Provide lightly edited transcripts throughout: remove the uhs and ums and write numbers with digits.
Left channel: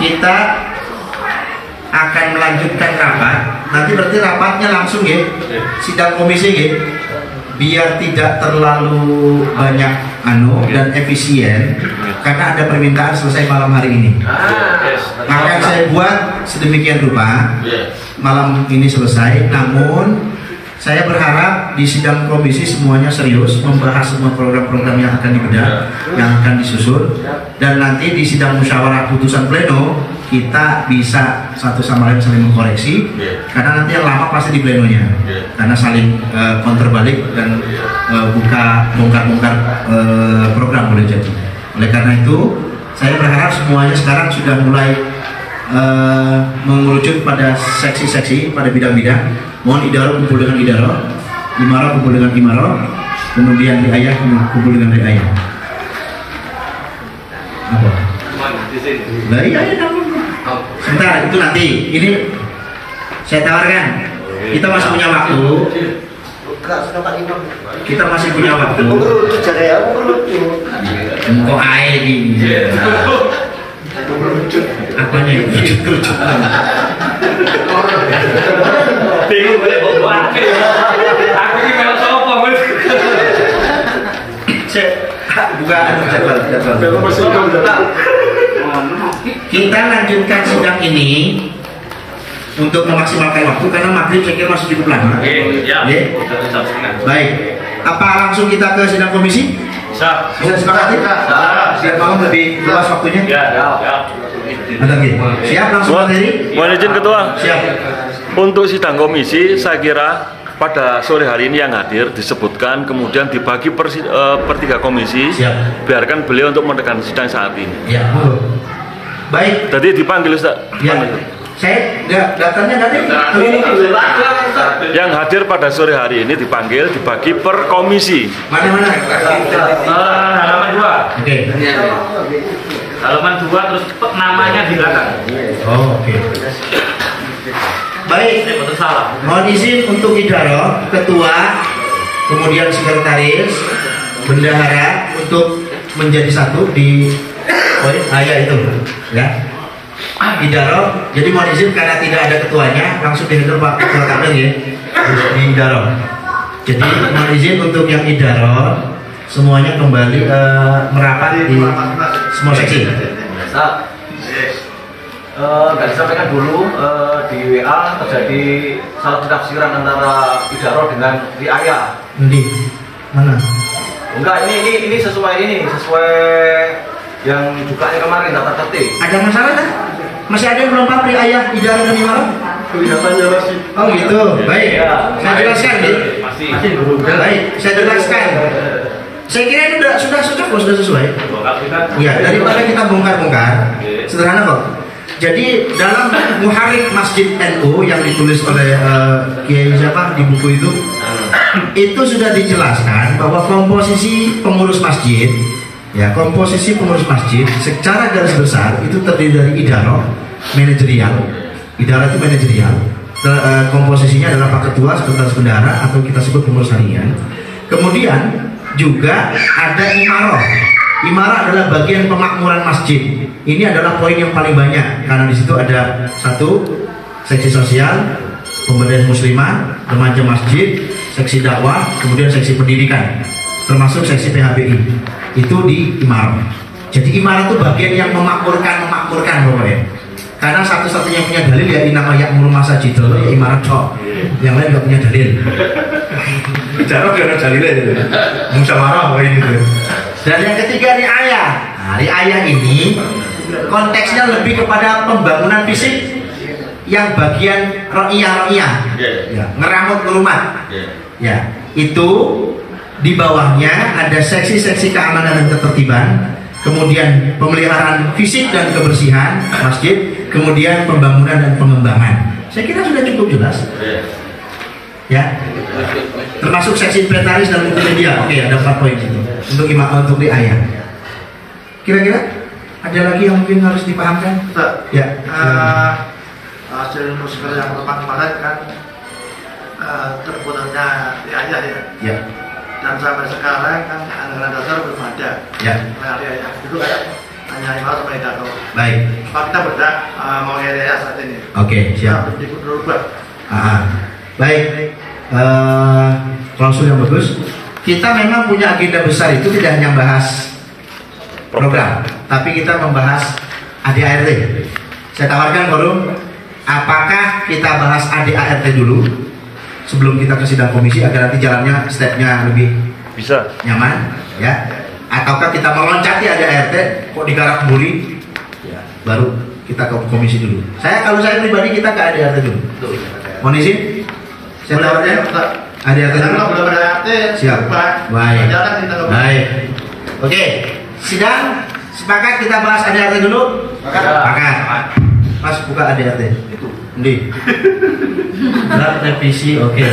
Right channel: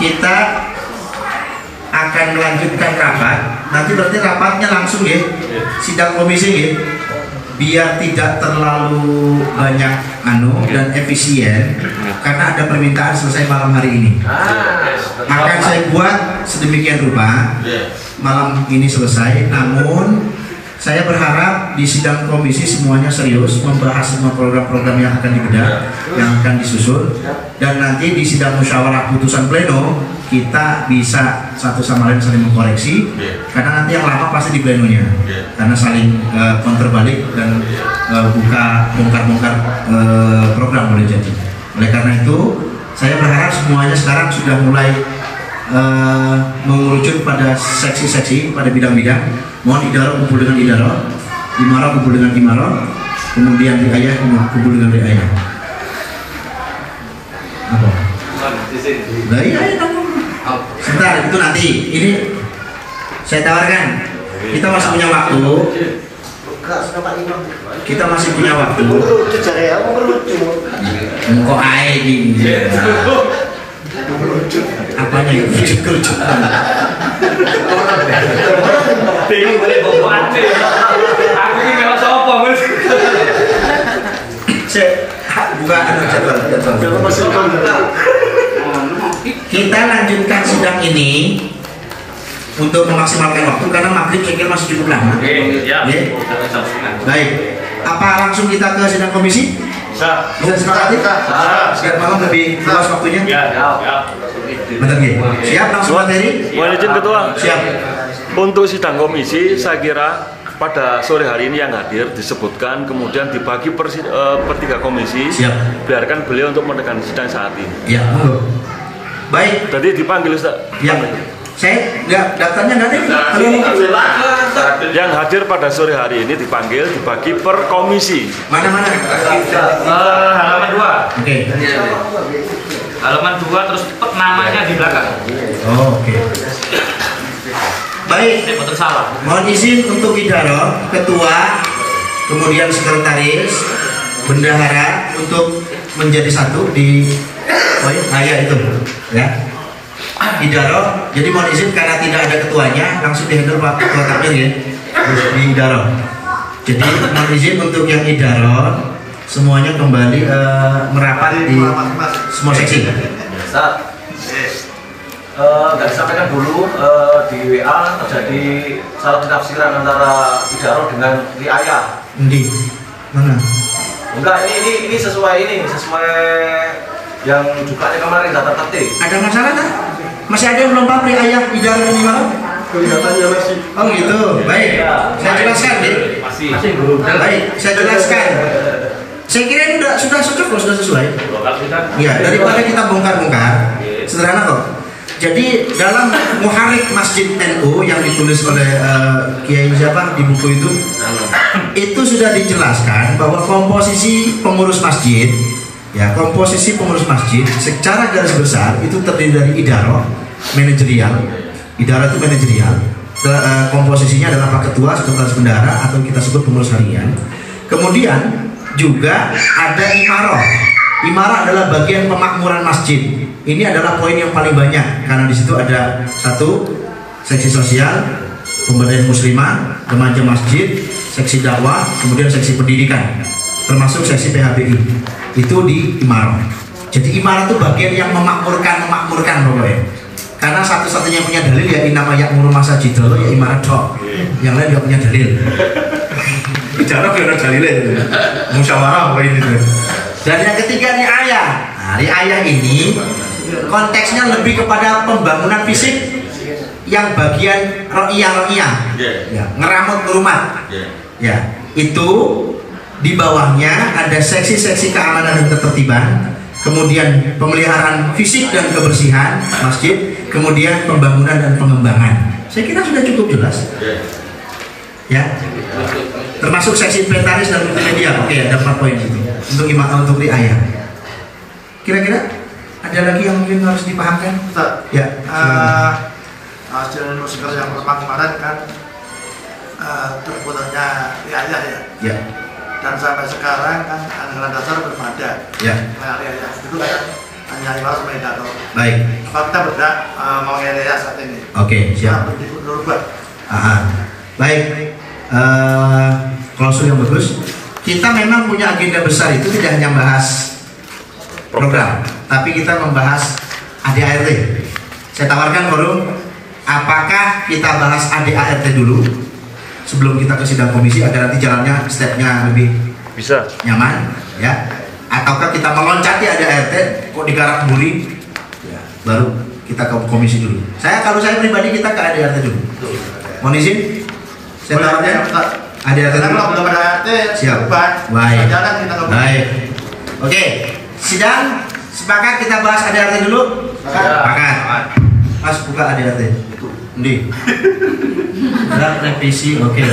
kita akan melanjutkan rapat. Nanti berarti rapatnya langsung ya, sidang komisi ya, biar tidak terlalu banyak dan efisien, karena ada permintaan selesai malam hari ini. Akan saya buat sedemikian rupa malam ini selesai. Namun saya berharap di sidang komisi semuanya serius membahas semua program-program yang akan dibedah, yang akan disusun, dan nanti di sidang musyawarah putusan pleno kita bisa satu sama lain saling mengkoreksi, karena nanti yang lama pasti di plenonya, karena saling counter balik dan buka bongkar-bongkar program boleh jadi. Oleh karena itu saya berharap semuanya sekarang sudah mulai mengerucut pada seksi-seksi, pada bidang-bidang. Mohon idaroh kumpul dengan idaroh, imaroh kumpul dengan imaroh, kemudian riayah kumpul dengan riayah. Apa? Nah, iya, kamu. Sebentar, itu nanti. Ini saya tawarkan. Kita masih punya waktu. Kita masih punya waktu. Kok air ini? Apanya itu? Bingung boleh bawa aku ini memang sopo mas. Juga ada jadwal. Kita lanjutkan sidang ini untuk memaksimalkan waktu, karena maghrib saya kira masih cukup lama. Baik, apa langsung kita ke sidang komisi? Bisa sepakati? Siap bangun lebih luas waktunya? Siap langsung materi? Mohon izin Ketua. Siap. Untuk sidang komisi saya kira pada sore hari ini yang hadir disebutkan, kemudian dibagi per 3 komisi. Siap. Biarkan beliau untuk menekan sidang saat ini. Ya, baik. Tadi dipanggil Ustaz. Ya. Saya nggak, daftarnya nggak ada. Yang hadir pada sore hari ini dipanggil, dibagi per komisi. Mana? Halaman 2. Oke. Halaman 2 terus namanya di belakang. Oh, oke. Baik. Mohon izin untuk idaroh, ketua, kemudian sekretaris, bendahara untuk menjadi satu di poin ayat itu, ya. Idaroh, jadi mohon izin karena tidak ada ketuanya, langsung dihandle Pak Ketua Takmir ya, di idaroh. Jadi mohon izin untuk yang idaroh semuanya kembali merapat di semua seksi. Nggak disampaikan dulu di WA terjadi salah penafsiran antara idaroh dengan riayah. Di mana? Enggak, ini sesuai yang jukanya kemarin daftar ketik. Ada masalah kan? Masih ada yang belum paham riayah, idaroh dan imaroh? Kelihatannya masih. Oh gitu, baik. Saya jelaskan deh. Masih belum. Baik, saya jelaskan. Saya kira ini sudah cocok loh, sudah sesuai. Ya, daripada kita bongkar-bongkar, sederhana kok. Jadi dalam Muharrik Masjid NU yang ditulis oleh Kiai siapa di buku itu sudah dijelaskan bahwa komposisi pengurus masjid, ya komposisi pengurus masjid secara garis besar itu terdiri dari idaroh, manajerial. Idaroh itu manajerial. Komposisinya adalah Pak Ketua, Sekretaris Bendahara atau kita sebut pengurus harian. Kemudian juga ada imaroh. Imaroh adalah bagian pemakmuran masjid. Ini adalah poin yang paling banyak karena di situ ada satu seksi sosial, pemberdayaan muslimah, remaja masjid, seksi dakwah, kemudian seksi pendidikan, termasuk seksi PHBI. Itu di imaroh. Jadi imaroh itu bagian yang memakmurkan pokoknya. Karena satu-satunya yang punya dalil ya inama ya'muru masajid ya imaroh toh. Yang lain nggak punya dalil. Bicara biar dalilnya, musyawarah apa ini tuh. Dan yang ketiga riayah. Nah, riayah ini konteksnya lebih kepada pembangunan fisik yang bagian ro'iyah, ya, ngeramut rumah. Ya, itu di bawahnya ada seksi-seksi keamanan dan ketertiban, kemudian pemeliharaan fisik dan kebersihan masjid, kemudian pembangunan dan pengembangan. Saya kira sudah cukup jelas. Ya, termasuk seksi inventaris dan multimedia. Oke, ada 4 poin itu untuk riayah. Kira-kira ada lagi yang mungkin harus dipahamkan? Ya. Hasil nusker yang kemarin kan terputusnya riayah ya. Ya. Dan sampai sekarang kan anggaran dasar belum ada. Ya. Nah, riayah itu kan hanya 500 meter. Baik. Kita bergerak mau area saat ini. Oke, siap. Baik. Klausul yang bagus. Kita memang punya agenda besar itu tidak hanya membahas program, tapi kita membahas ADART. Saya tawarkan forum, apakah kita bahas ADART dulu sebelum kita ke sidang komisi agar nanti jalannya stepnya lebih Bisa. nyaman, ya? Ataukah kita meloncati ADART kok digarap buri, ya, baru kita ke komisi dulu. Kalau saya pribadi kita ke ADART dulu. Mohon izin, saya tawarkan ADART dulu. Siap. Baik. Baik. Oke. Sidang sepakat kita bahas ADART dulu? Sepakat. Mas buka ADART. Ndi. Draft revisi, oke.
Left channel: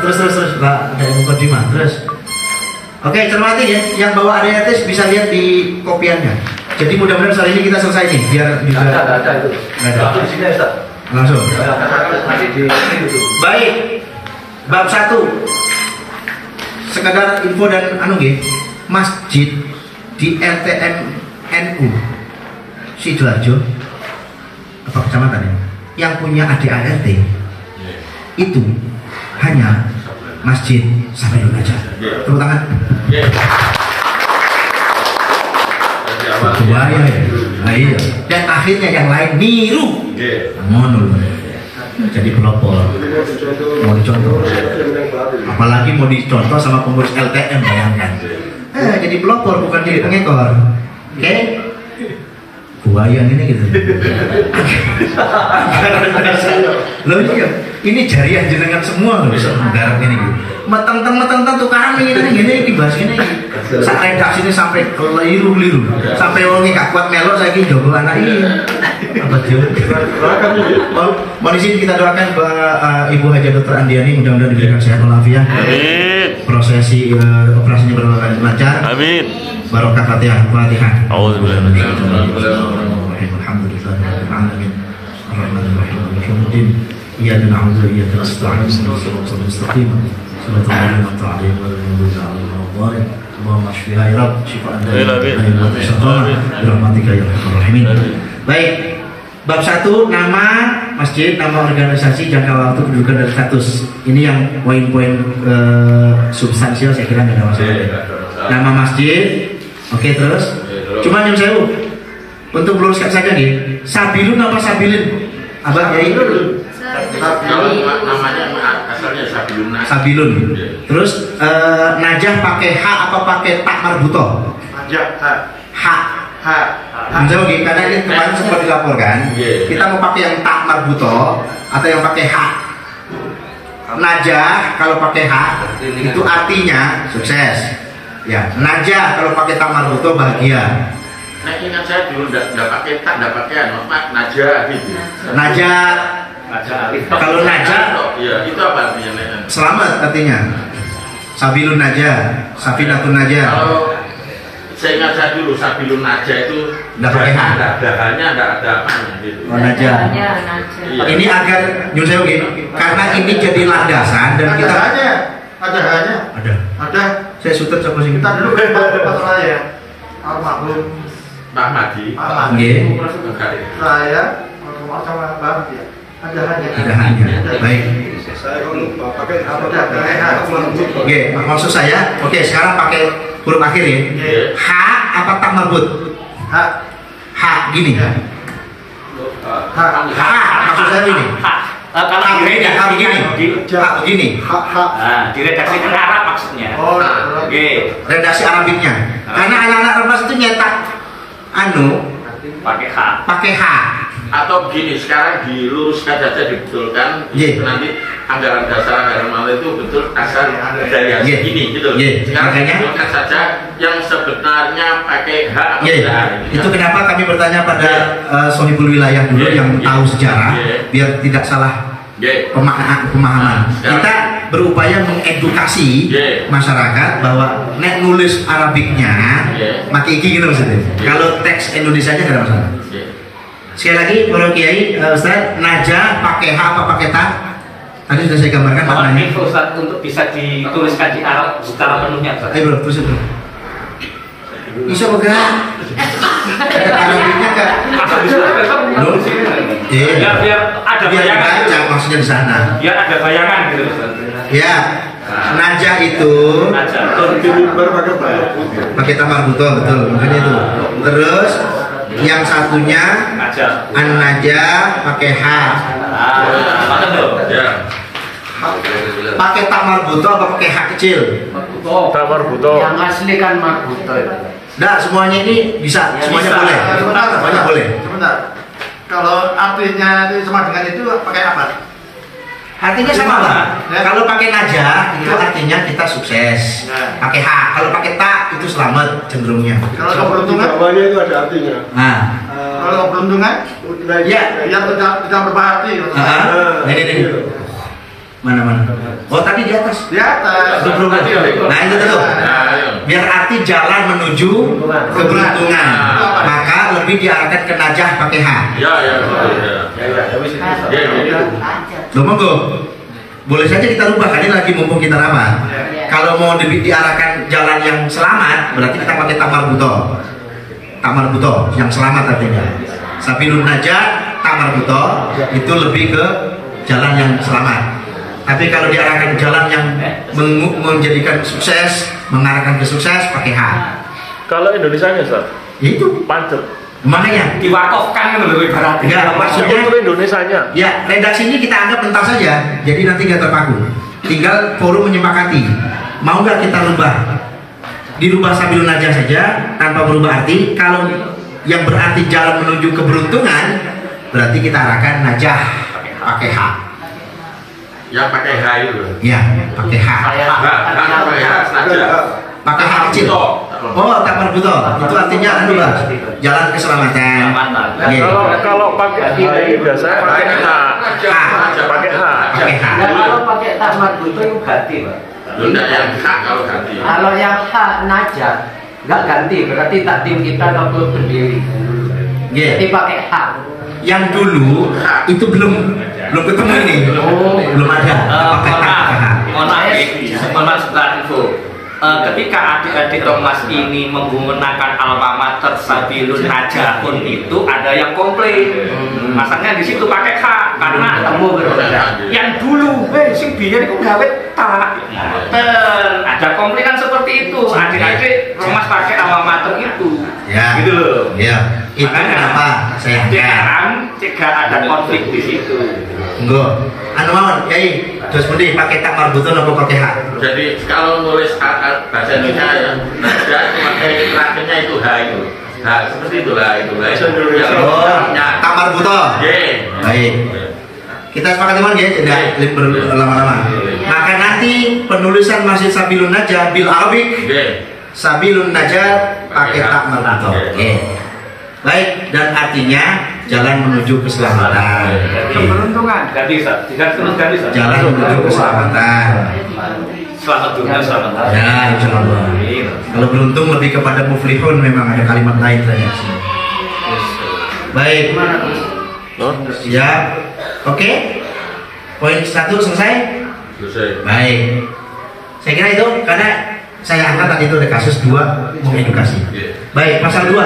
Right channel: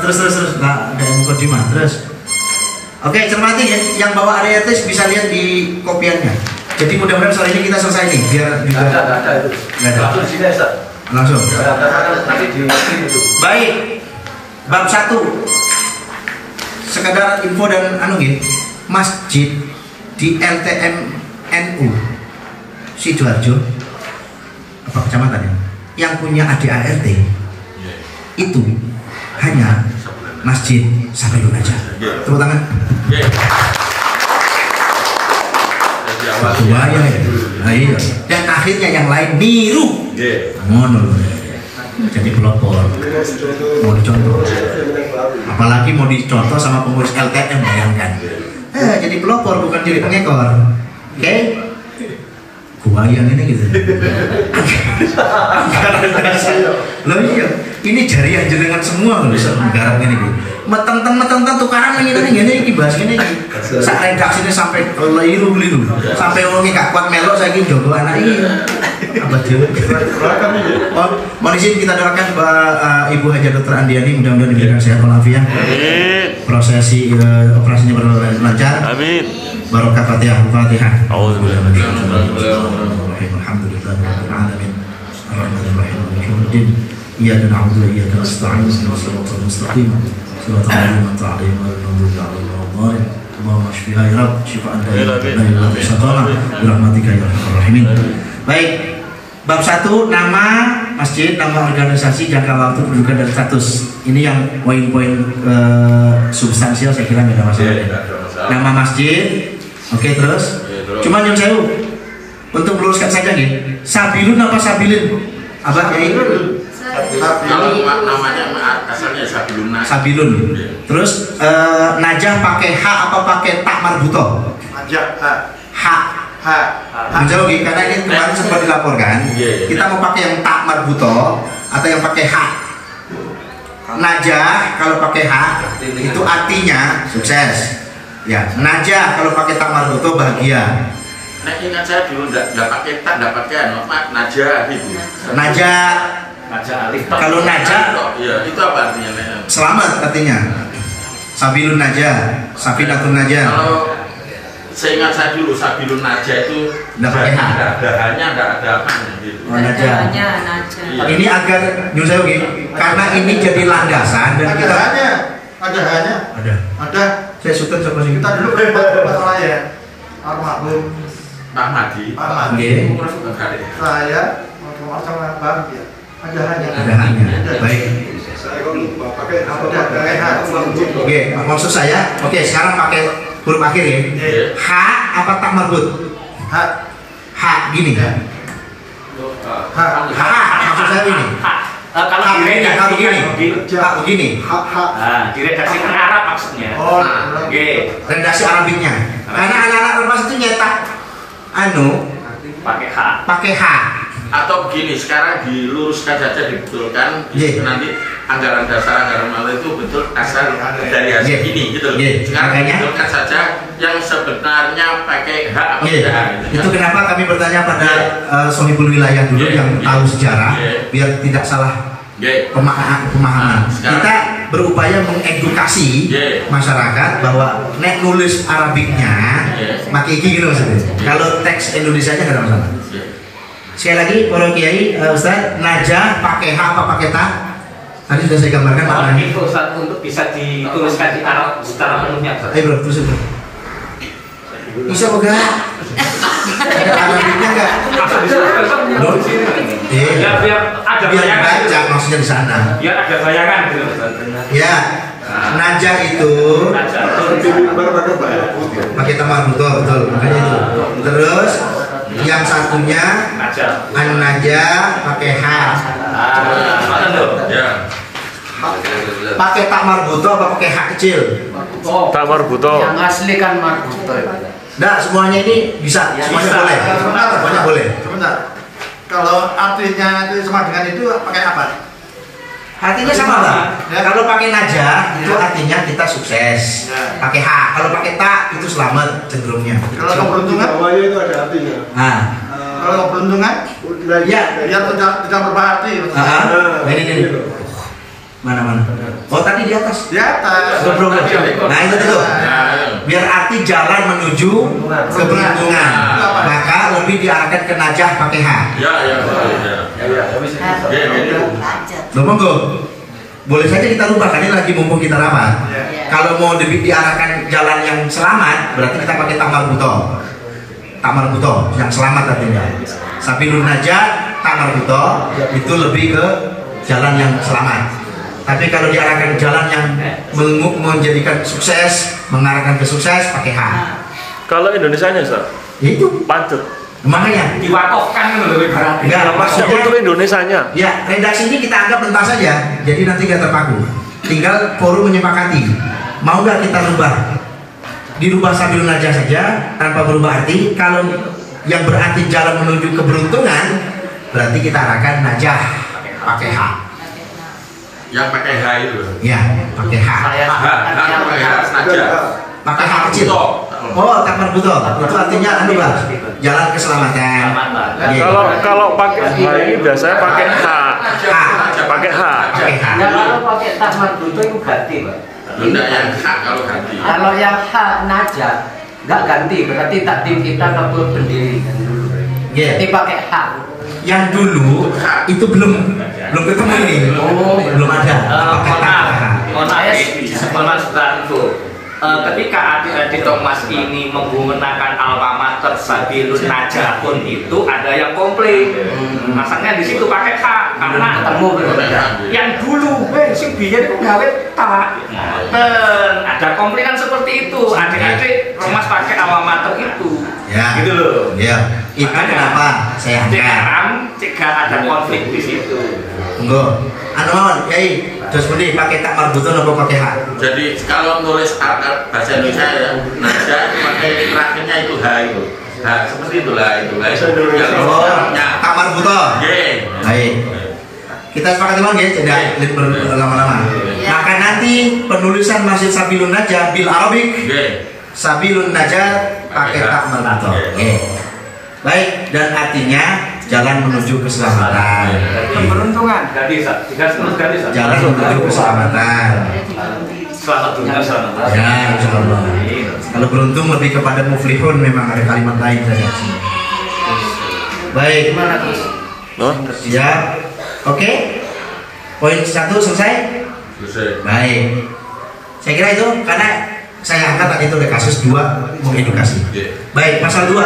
Terus Pak, ada mukadimah. Terus. Oke, cermati ya. Yang bawa ADART bisa lihat di kopiannya. Jadi mudah-mudahan sore ini kita selesai nih, biar juga. Nggak ada. Langsung. Baik. Bab 1. Sekadar info dan masjid di LTM NU Sidoarjo apa kecamatan ya, yang punya ADART itu hanya Masjid Sabilun aja. Tepuk tangan. Bahaya ya. Nah, iya. Dan akhirnya yang lain niru. Ngono. Jadi pelopor. Mau dicontoh. Apalagi mau dicontoh sama pengurus LTM, bayangkan. Jadi pelopor bukan jadi pengekor. Oke? Buayan ini gitu. Loh iya, ini jariah jenengan semua loh, garap ini gitu. Meteng-teng tukaran ini bahas ini. Sak redaksi ini sampai keliru-liru. Sampai wonge gak kuat melok saiki jogo anak iki. Apa dia? Mohon izin kita doakan Ibu Haja Dr. Andiani mudah-mudahan diberikan sehat walafiat. Amin. Prosesi operasinya berjalan lancar. Amin. Barokah Fatihah. Alhamdulillah. Iyyaka na'budu wa iyyaka nasta'in ihdinas siratal mustaqim siratal ladzina an'amta 'alaihim ghairil maghdubi 'alaihim waladdallin. Allahumma shfiha ya Rabb shifaan la ilaha illa anta bi rahmatika ya arhamar rahimin. Baik. Bab 1 nama masjid, nama organisasi, jangka waktu, kedudukan dan status. Ini yang poin-poin substansial saya kira tidak ada masalah. Nama masjid. Oke, terus. Cuma yang saya untuk meluruskan saja nih. Sabilun apa Sabilin? Abah Kiai? Namanya asalnya Sabilun. Sabilun. Terus najah pakai H apa pakai tak marbuto? H. Menjauh karena ini kemarin sempat dilaporkan. Kita mau pakai yang tak marbuto atau yang pakai H. Najah kalau pakai H itu artinya sukses. Ya, najah kalau pakai tak marbuto bahagia. Nah, ingat saya dulu nggak pakai tak, nggak pakai najah gitu. Najah. Kalau najah, iya, itu apa artinya? Selamat artinya. Sabilun najah, Safinatun najah. Kalau saya ingat saya dulu Sabilun najah itu nggak pakai H. Dahannya nggak ada apanya gitu. Oh, najah. Iya. Ini agar nyusahi karena ini jadi landasan dan kita ada. Saya suka sama sini. Kita dulu masalah ya. Almarhum Pak Madi. Nggih. Saya sama Bang ya. Ada hanya. Baik. Oke, maksud saya, oke sekarang pakai huruf akhir ya. H apa tak marbut? H gini. H maksud saya ini. Kalau begini. Di redaksi Arab maksudnya. Oh, redaksi Arabiknya. Karena anak-anak ormas itu nyetak pakai H. Atau begini, sekarang diluruskan saja, dibetulkan nanti anggaran dasar anggaran malah itu betul asal dari hasil ini gitu. Sekarang dibetulkan saja yang sebenarnya pakai H apa tidak. Itu kenapa kami bertanya pada sohibul wilayah dulu yang tahu sejarah biar tidak salah pemahaman. Kita berupaya mengedukasi masyarakat bahwa nek nulis Arabiknya maki iki gitu maksudnya. Kalau teks Indonesianya nggak ada masalah. Sekali lagi, para kiai, Ustaz, najah pakai H apa pakai ta? Tadi sudah saya gambarkan maknanya. Itu Ustaz untuk bisa dituliskan di Arab secara penuhnya. Ayo bro, terus itu. Bisa bergerak. maksudnya di sana. Ya ada bayangan gitu. Ya, najah itu pakai tamar buto, betul, makanya itu. Terus yang satunya an-najah pakai h. Pakai tamar buto apa pakai h kecil? Tamar buto. Yang asli kan marbuto itu. Enggak, semuanya ini bisa, semuanya boleh. Semuanya boleh. Sebentar. Kalau artinya itu sama dengan itu pakai apa? Artinya sama Pak. Ya. Kalau pakai najah itu artinya kita sukses. Ya. Pakai h. Kalau pakai ta itu selamat cenderungnya. Kalau keberuntungan? Semuanya itu ada artinya. Nah, Kalau keberuntungan? ya. Biar tidak berbahati. Nah, ini. Mana? Oh, tadi di atas. Di atas. Betul. Nah, itu betul. Biar arti jalan menuju keberuntungan. Maka lebih diarahkan ke najah pakai h. Ya. Loh, monggo. Boleh saja kita rubah, karena ini lagi mumpung kita rapat. Kalau mau lebih diarahkan jalan yang selamat, berarti kita pakai tamar buto. Tamar buto yang selamat artinya. Sabilun najah, tamar buto itu lebih ke jalan yang selamat. Tapi kalau diarahkan jalan yang menjadikan sukses, mengarahkan ke sukses, pakai H. Kalau Indonesianya, Ustaz? Itu Pancet. makanya. Diwakafkan lebih berat. Enggak, maksudnya Itu Indonesianya. ya redaksi ini kita anggap mentah saja, jadi nanti nggak terpaku. Tinggal forum menyepakati. Mau nggak kita rubah? Dirubah sabilun najah saja tanpa berubah arti. Kalau yang berarti jalan menuju keberuntungan, berarti kita arahkan najah pakai H. Yang pakai H itu. Ya, pakai H. Pakai H saja. Pakai H kecil. Oh, tamar buto. Itu artinya anu lah, jalan keselamatan. Kalau pakai H ini biasanya pakai H. Pakai H. Pakai H. Kalau pakai tamar buto itu ganti, Pak. Enggak yang H kalau ganti. Kalau yang H najah nggak ganti, berarti takdim kita ke pendiri dulu. Jadi pakai H. Yang dulu itu belum ketemu ini. Belum ada. Pakai H. Sekolah itu. Ketika adik-adik Thomas ini menggunakan alma mater Sabilun Najahun itu ada yang komplain. Masanya di situ pakai K karena yang dulu sing biar itu gawe tak. Ada komplainan seperti itu. Adik-adik Thomas pakai alma mater itu. Ya. Gitu loh. Ya. Itu kenapa saya angkat. Jika ada konflik di situ. Enggak. Anu mawon, Yai. Terus kemudian pakai tamar buto atau pakai H? Jadi kalau nulis bahasa Indonesia ya, pakai terakhirnya itu H itu. H seperti itulah itu. Oh, tamar buto. Baik. Kita sepakat teman ya, tidak berlama-lama. Maka nanti penulisan Nasid Sabilun Najah bil Arabik, Sabilun Najah pakai tamar buto. Baik, dan artinya jalan menuju keselamatan. Keberuntungan. Ganti Ustaz. Jalan menuju keselamatan. Selamat dunia selamat. Ya, insyaallah. Kalau beruntung lebih kepada muflihun, memang ada kalimat lain saja. Baik. Siap. Oke. Poin 1 selesai? Selesai. Baik. Saya kira itu karena saya angkat tadi itu ada kasus 2 mengedukasi. Baik, pasal 2.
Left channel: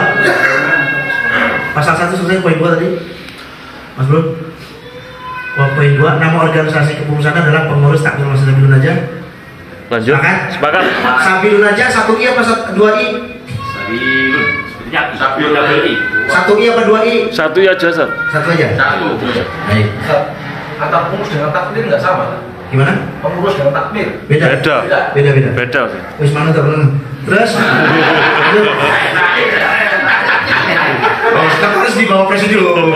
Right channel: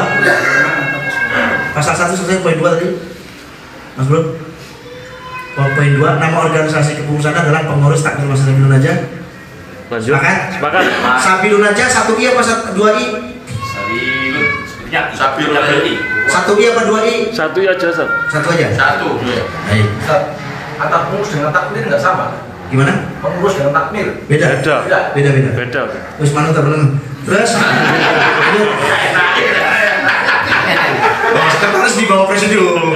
Pasal 1 selesai, poin 2 tadi. Mas Bro. Poin 2, nama organisasi kepengurusan adalah pengurus takmir masjid Sabilun Najah. Lanjut. Sepakat. Sabilun Najah 1 I apa 2 I? Sabilun. 1 I apa 2 I? 1 ya aja, Ustaz. 1 aja. 1. Baik. Antara pengurus dengan takmir nggak sama. Gimana? Pengurus dengan takmir. Beda. Beda. Wis mana tuh belum? Terus sekarang harus dibawa presidium.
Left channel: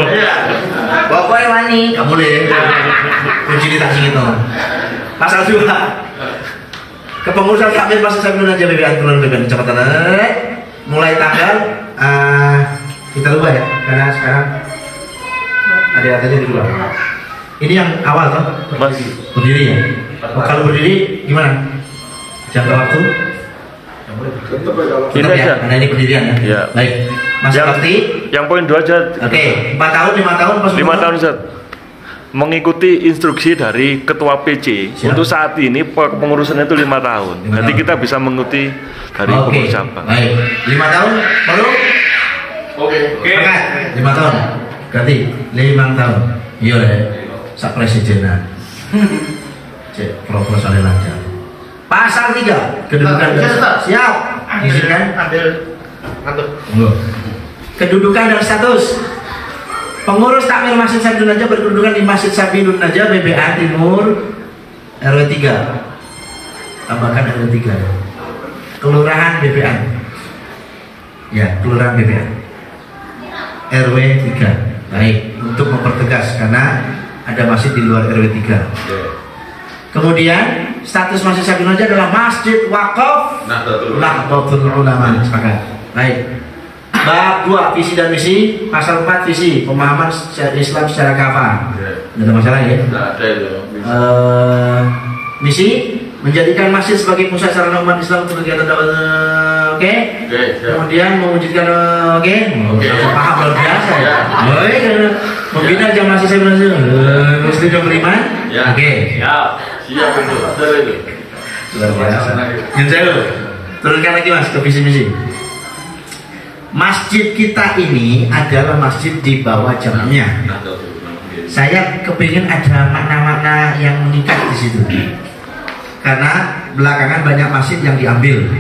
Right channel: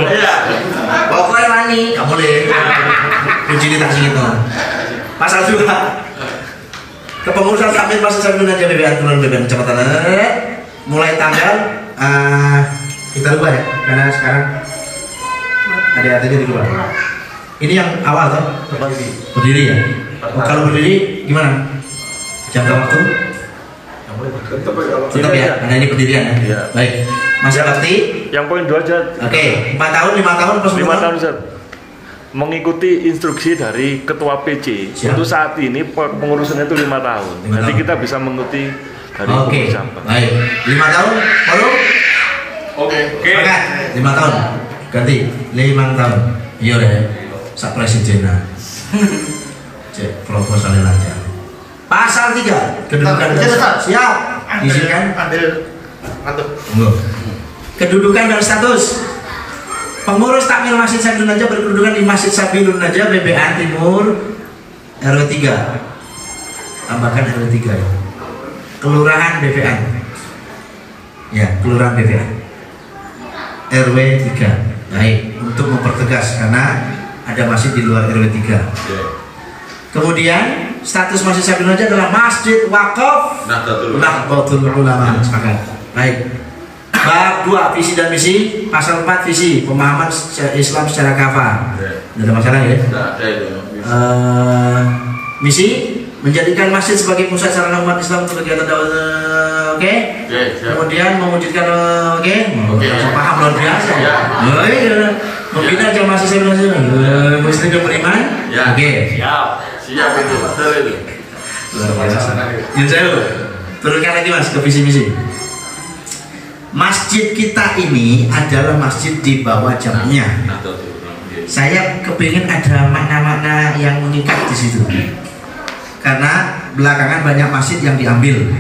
Pokoknya wani, kamu boleh. Kunci di taksi itu. Pasal 2. Kepengurusan takmir Masjid Sabilun Najah BBA Kelurahan Beban Kecamatan mulai tanggal kita rubah ya, karena sekarang ada artinya di luar. Ini yang awal toh? Berdiri ya. Kalau berdiri gimana? Jangka waktu? Tetap ya, karena ini pendirian ya. Ya. Baik. Masa bakti? Yang poin 2 aja. Oke, 4 tahun, 5 tahun, pas 5 tahun, Ustaz. Mengikuti instruksi dari ketua PC. Siap. Untuk saat ini pengurusannya itu 5 tahun. 5 Nanti tahun. kita bisa mengikuti dari Oke. pengurus cabang. Baik. 5 tahun, baru? Oke. Sepakat? 5 tahun. Ganti 5 tahun. Iya deh. sak presidenan. Cek proposalnya lancar. Pasal 3 kedudukan dan siap. Izinkan ambil kantuk. Kedudukan dan status. Pengurus takmir Masjid Sabilun Najah berkedudukan di Masjid Sabilun Najah BBA Timur RW 3. Tambahkan RW 3 ya. Kelurahan BBA. Ya, Kelurahan BBA. RW 3. Baik, untuk mempertegas karena ada masjid di luar RW 3. Kemudian status Masjid Sabilun Najah adalah Masjid Wakaf Nahdlatul Ulama. Baik. Bab 2 visi dan misi, pasal 4 visi pemahaman Islam secara kafah. Tidak ada masalah ya? Tidak ada itu. Misi menjadikan masjid sebagai pusat sarana umat Islam untuk kegiatan dakwah. Oke. Kemudian mewujudkan langsung paham luar biasa ya. Membina jamaah muslim yang beriman. Oke. Siap itu, betul itu. Luar biasa. Yang saya turunkan lagi mas ke visi-misi. Masjid kita ini adalah masjid di bawah jamnya. Saya kepingin ada makna-makna yang mengikat di situ. Karena belakangan banyak masjid yang diambil.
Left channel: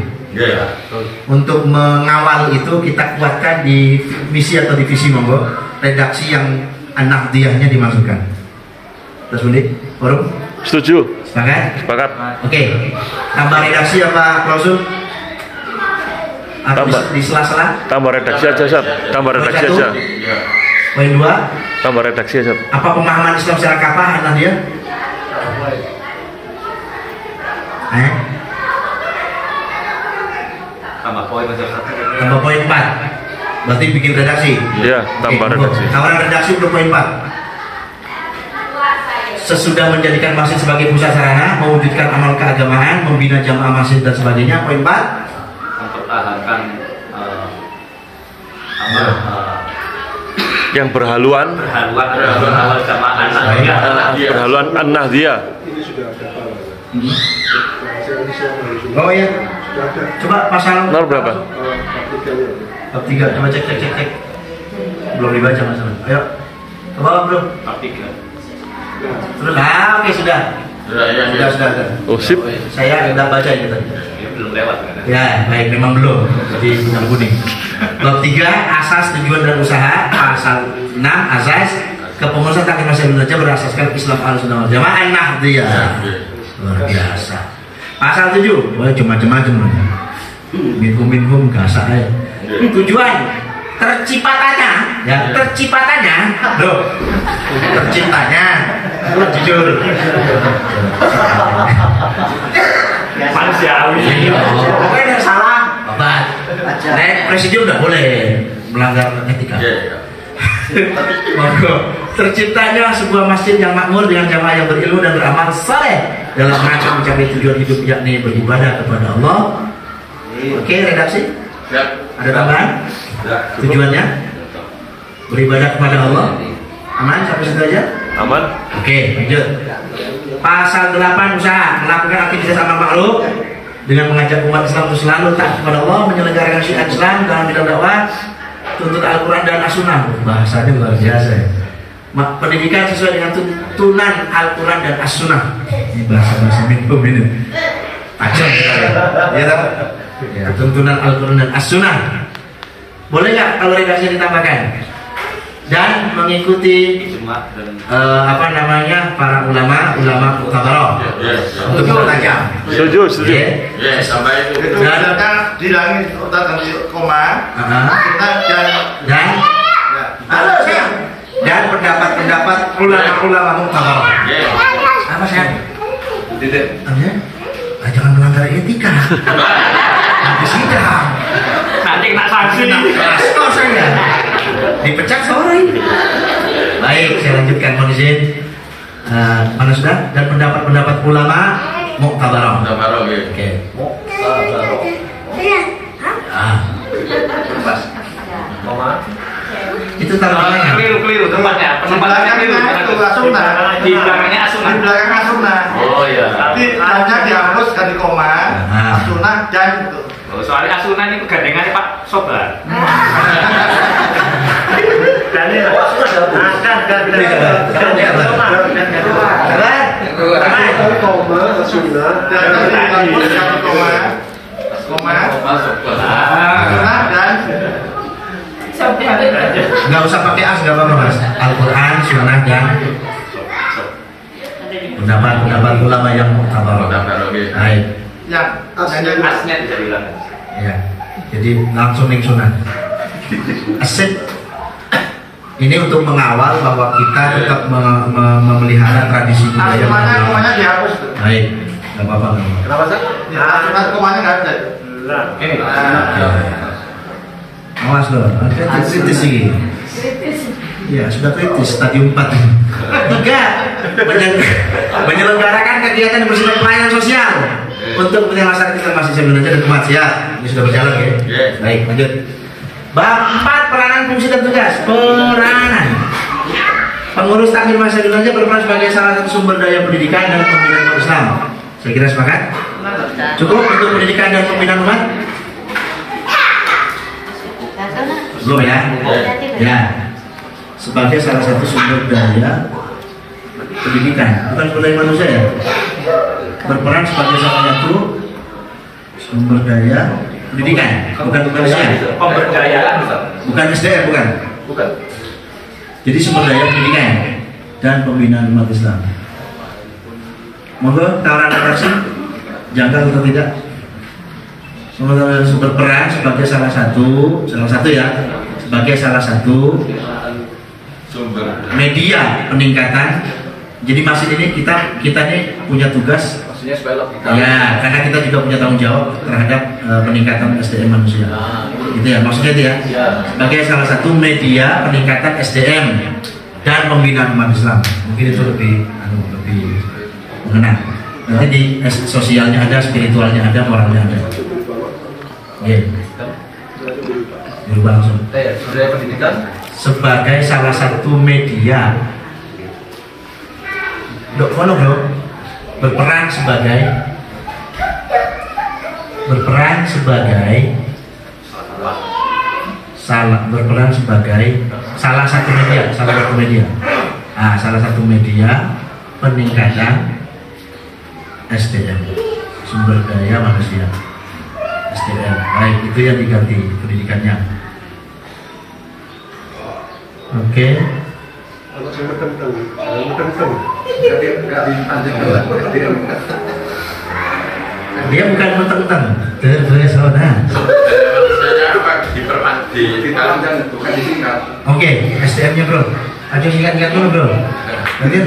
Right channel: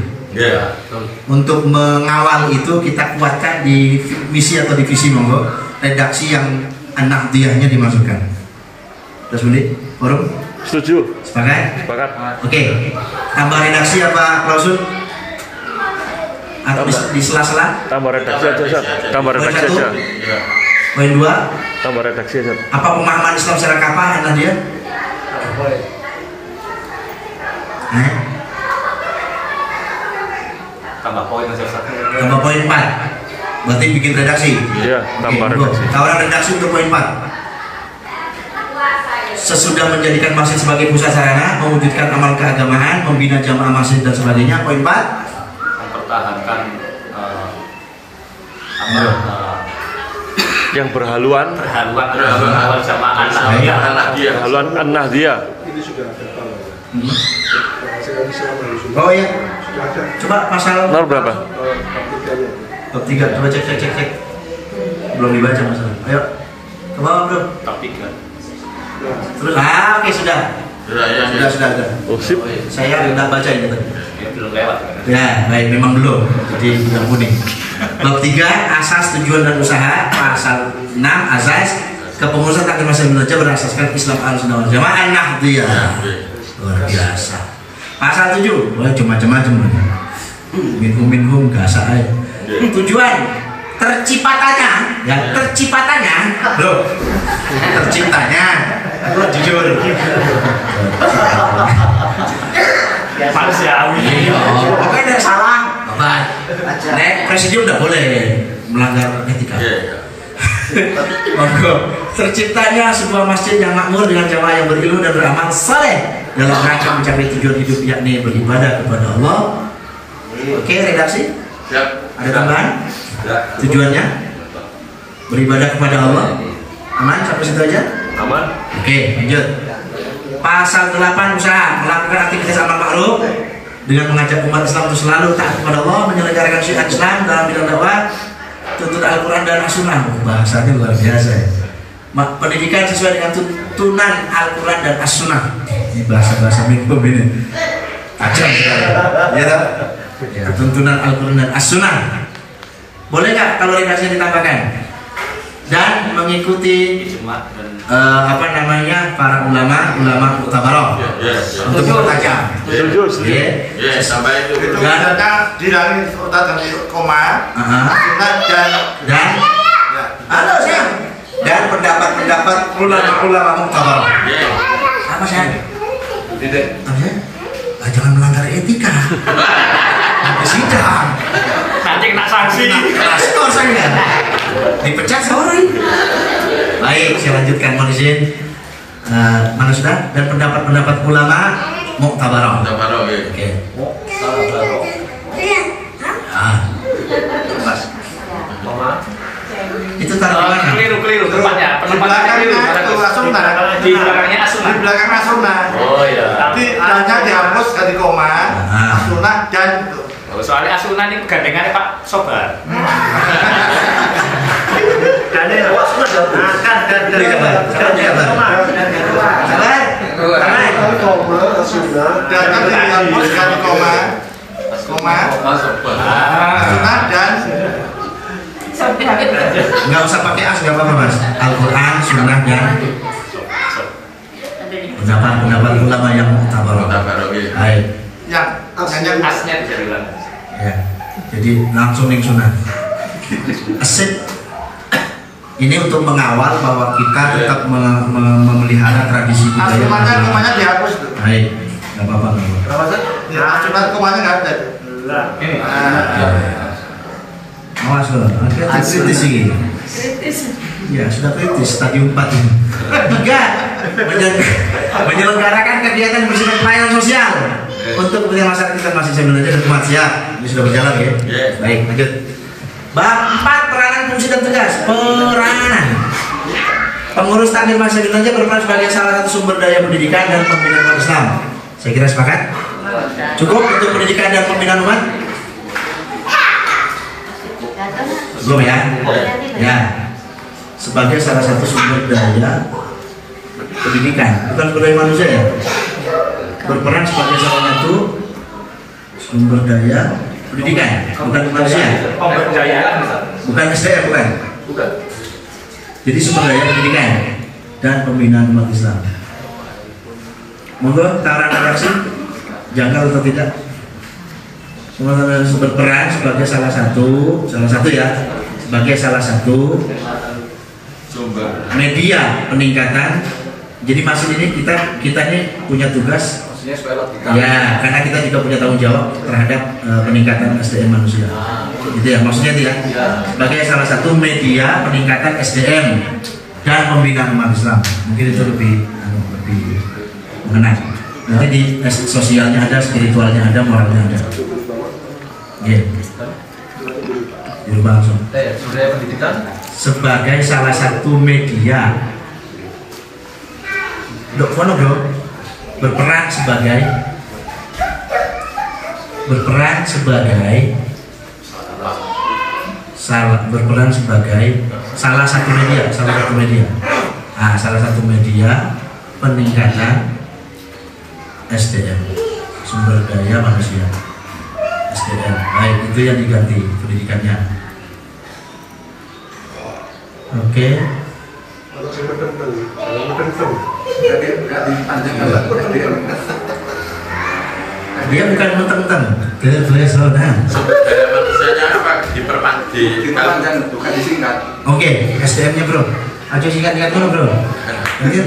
Untuk mengawal itu kita kuatkan di misi atau divisi monggo redaksi yang An-Nahdliyahnya dimasukkan. Terus menit, forum? Setuju. Sepakat? Sepakat. Oke. Tambah redaksi apa klausul? Atau di sela-sela? Tambah redaksi aja, Sob. Tambah redaksi aja. Poin 2. Tambah redaksi aja. Apa pemahaman Islam secara kafah Nadia? Tambah poin aja. Tambah poin 4. Berarti bikin redaksi. Iya, tambah redaksi. Tawaran redaksi untuk poin 4. Sesudah menjadikan masjid sebagai pusat sarana, mewujudkan amal keagamaan, membina jamaah masjid dan sebagainya. Poin 4. Mempertahankan yang berhaluan berhaluan An-Nahdliyah. Oh iya. Coba pasal Nomor berapa? Bab 3. Coba cek. Belum dibaca masalah. Ayo. Ke bawah, Bro. Bab 3. Terus oke sudah. Sudah. Oh, sip. Saya tidak baca ini tadi. Belum lewat kan? Ya, baik, memang belum. Jadi yang kuning. Bab 3 asas tujuan dan usaha. Pasal 6 asas kepengurusan takmir Masjid Sabilun Najah berasaskan Islam Ahlussunnah wal Jamaah An-Nahdliyah. Luar biasa. Pasal 7, boleh macam-macam. Minhum gasak aja. Tujuan terciptanya, loh, terciptanya, aku jujur. Manusiawi. Pokoknya tidak salah. Nek presidium tidak boleh melanggar etika. Monggo. Terciptanya sebuah masjid yang makmur dengan jamaah yang berilmu dan beramal saleh dalam rangka mencapai tujuan hidup yakni beribadah kepada Allah. Oke, redaksi? Ada tambahan? Tujuannya beribadah kepada Allah. Aman sampai situ aja? Aman. Oke, lanjut. Pasal 8 usaha melakukan aktivitas amal ma'ruf dengan mengajak umat Islam untuk selalu taat kepada Allah, menyelenggarakan syariat Islam dalam bidang dakwah, tuntut Al-Quran dan As-Sunnah. Bahasanya luar biasa ya. Pendidikan sesuai dengan tuntunan Al-Quran dan As-Sunnah. Ini bahasa-bahasa minum ini tajam sekali. Ya tak? Ya, tuntunan Al-Quran dan As-Sunnah. Boleh nggak kalau redaksinya ditambahkan? Dan mengikuti para ulama muktabarah untuk mempertajam. Setuju. Sampai itu. Dan dari koma dan pendapat ulama muktabarah. Apa sayang? Jangan melanggar etika. Nanti sidang. Nanti kena sanksi. Saya dipecat seorang. Baik, saya lanjutkan mohon izin. Mana sudah? Dan pendapat ulama muktabarah. Oke. Itu taruh di mana? Keliru tempatnya. Penempatannya keliru. Di belakangnya As-Sunnah. Di belakang As-Sunnah. Oh iya. Tapi hanya dihapus dari koma, As-Sunnah dan soalnya As-Sunnah ini gandengannya Pak Sobar. dan koma, sunnah, dan koma, sunnah dan nggak usah pakai as, nggak apa-apa mas. Al-Quran, sunnah dan pendapat ulama yang muktabar. Baik. Ya, asnya bisa bilang. Ya, jadi langsung nih sunnah. Asik. Ini untuk mengawal bahwa kita tetap memelihara tradisi budaya. Komanya dihapus. Baik, nggak apa-apa. Kenapa sih? Ya, cuma komanya nggak ada. Ini. Awas loh, kritis ini. Ya, sudah kritis, stadium 4 ini. 3. Menyelenggarakan kegiatan bersifat pelayanan sosial untuk kepentingan masyarakat kita masih sebenarnya dan umat. Siap, ini sudah berjalan ya. Baik, lanjut. Bab 4, peranan fungsi dan tugas. Peranan pengurus takmir masjid Indonesia berperan sebagai salah satu sumber daya pendidikan dan pembinaan umat Islam. Saya kira sepakat? Cukup untuk pendidikan dan pembinaan umat? Belum ya? Ya. Sebagai salah satu sumber daya pendidikan, bukan sumber daya manusia ya. Berperan sebagai salah satu sumber daya pendidikan, bukan manusia. Pemberdayaan, bukan SDM, bukan. Jadi sumber daya pendidikan dan pembinaan umat Islam. Monggo tawaran redaksi, janggal atau tidak? Berperan sebagai salah satu ya, sebagai salah satu sumber media peningkatan. Jadi masih ini kita ini punya tugas. Maksudnya supaya lebih ya, karena kita juga punya tanggung jawab terhadap peningkatan SDM manusia. Gitu ya, maksudnya itu ya. Sebagai salah satu media peningkatan SDM dan pembinaan umat Islam. Mungkin itu lebih mengenal. Nanti di sosialnya ada, spiritualnya ada, moralnya ada. Iya. Dirubah langsung. Budaya pendidikan sebagai salah satu media. Bro, berperan sebagai salah satu media. Nah, salah satu media peningkatan SDM, sumber daya manusia. SDM, baik, itu yang diganti pendidikannya. Oke. Dia bukan menteng-menteng, terpesona. Bukan disingkat. Oke, SDM-nya bro. Ayo singkat-singkat dulu bro. Lanjut.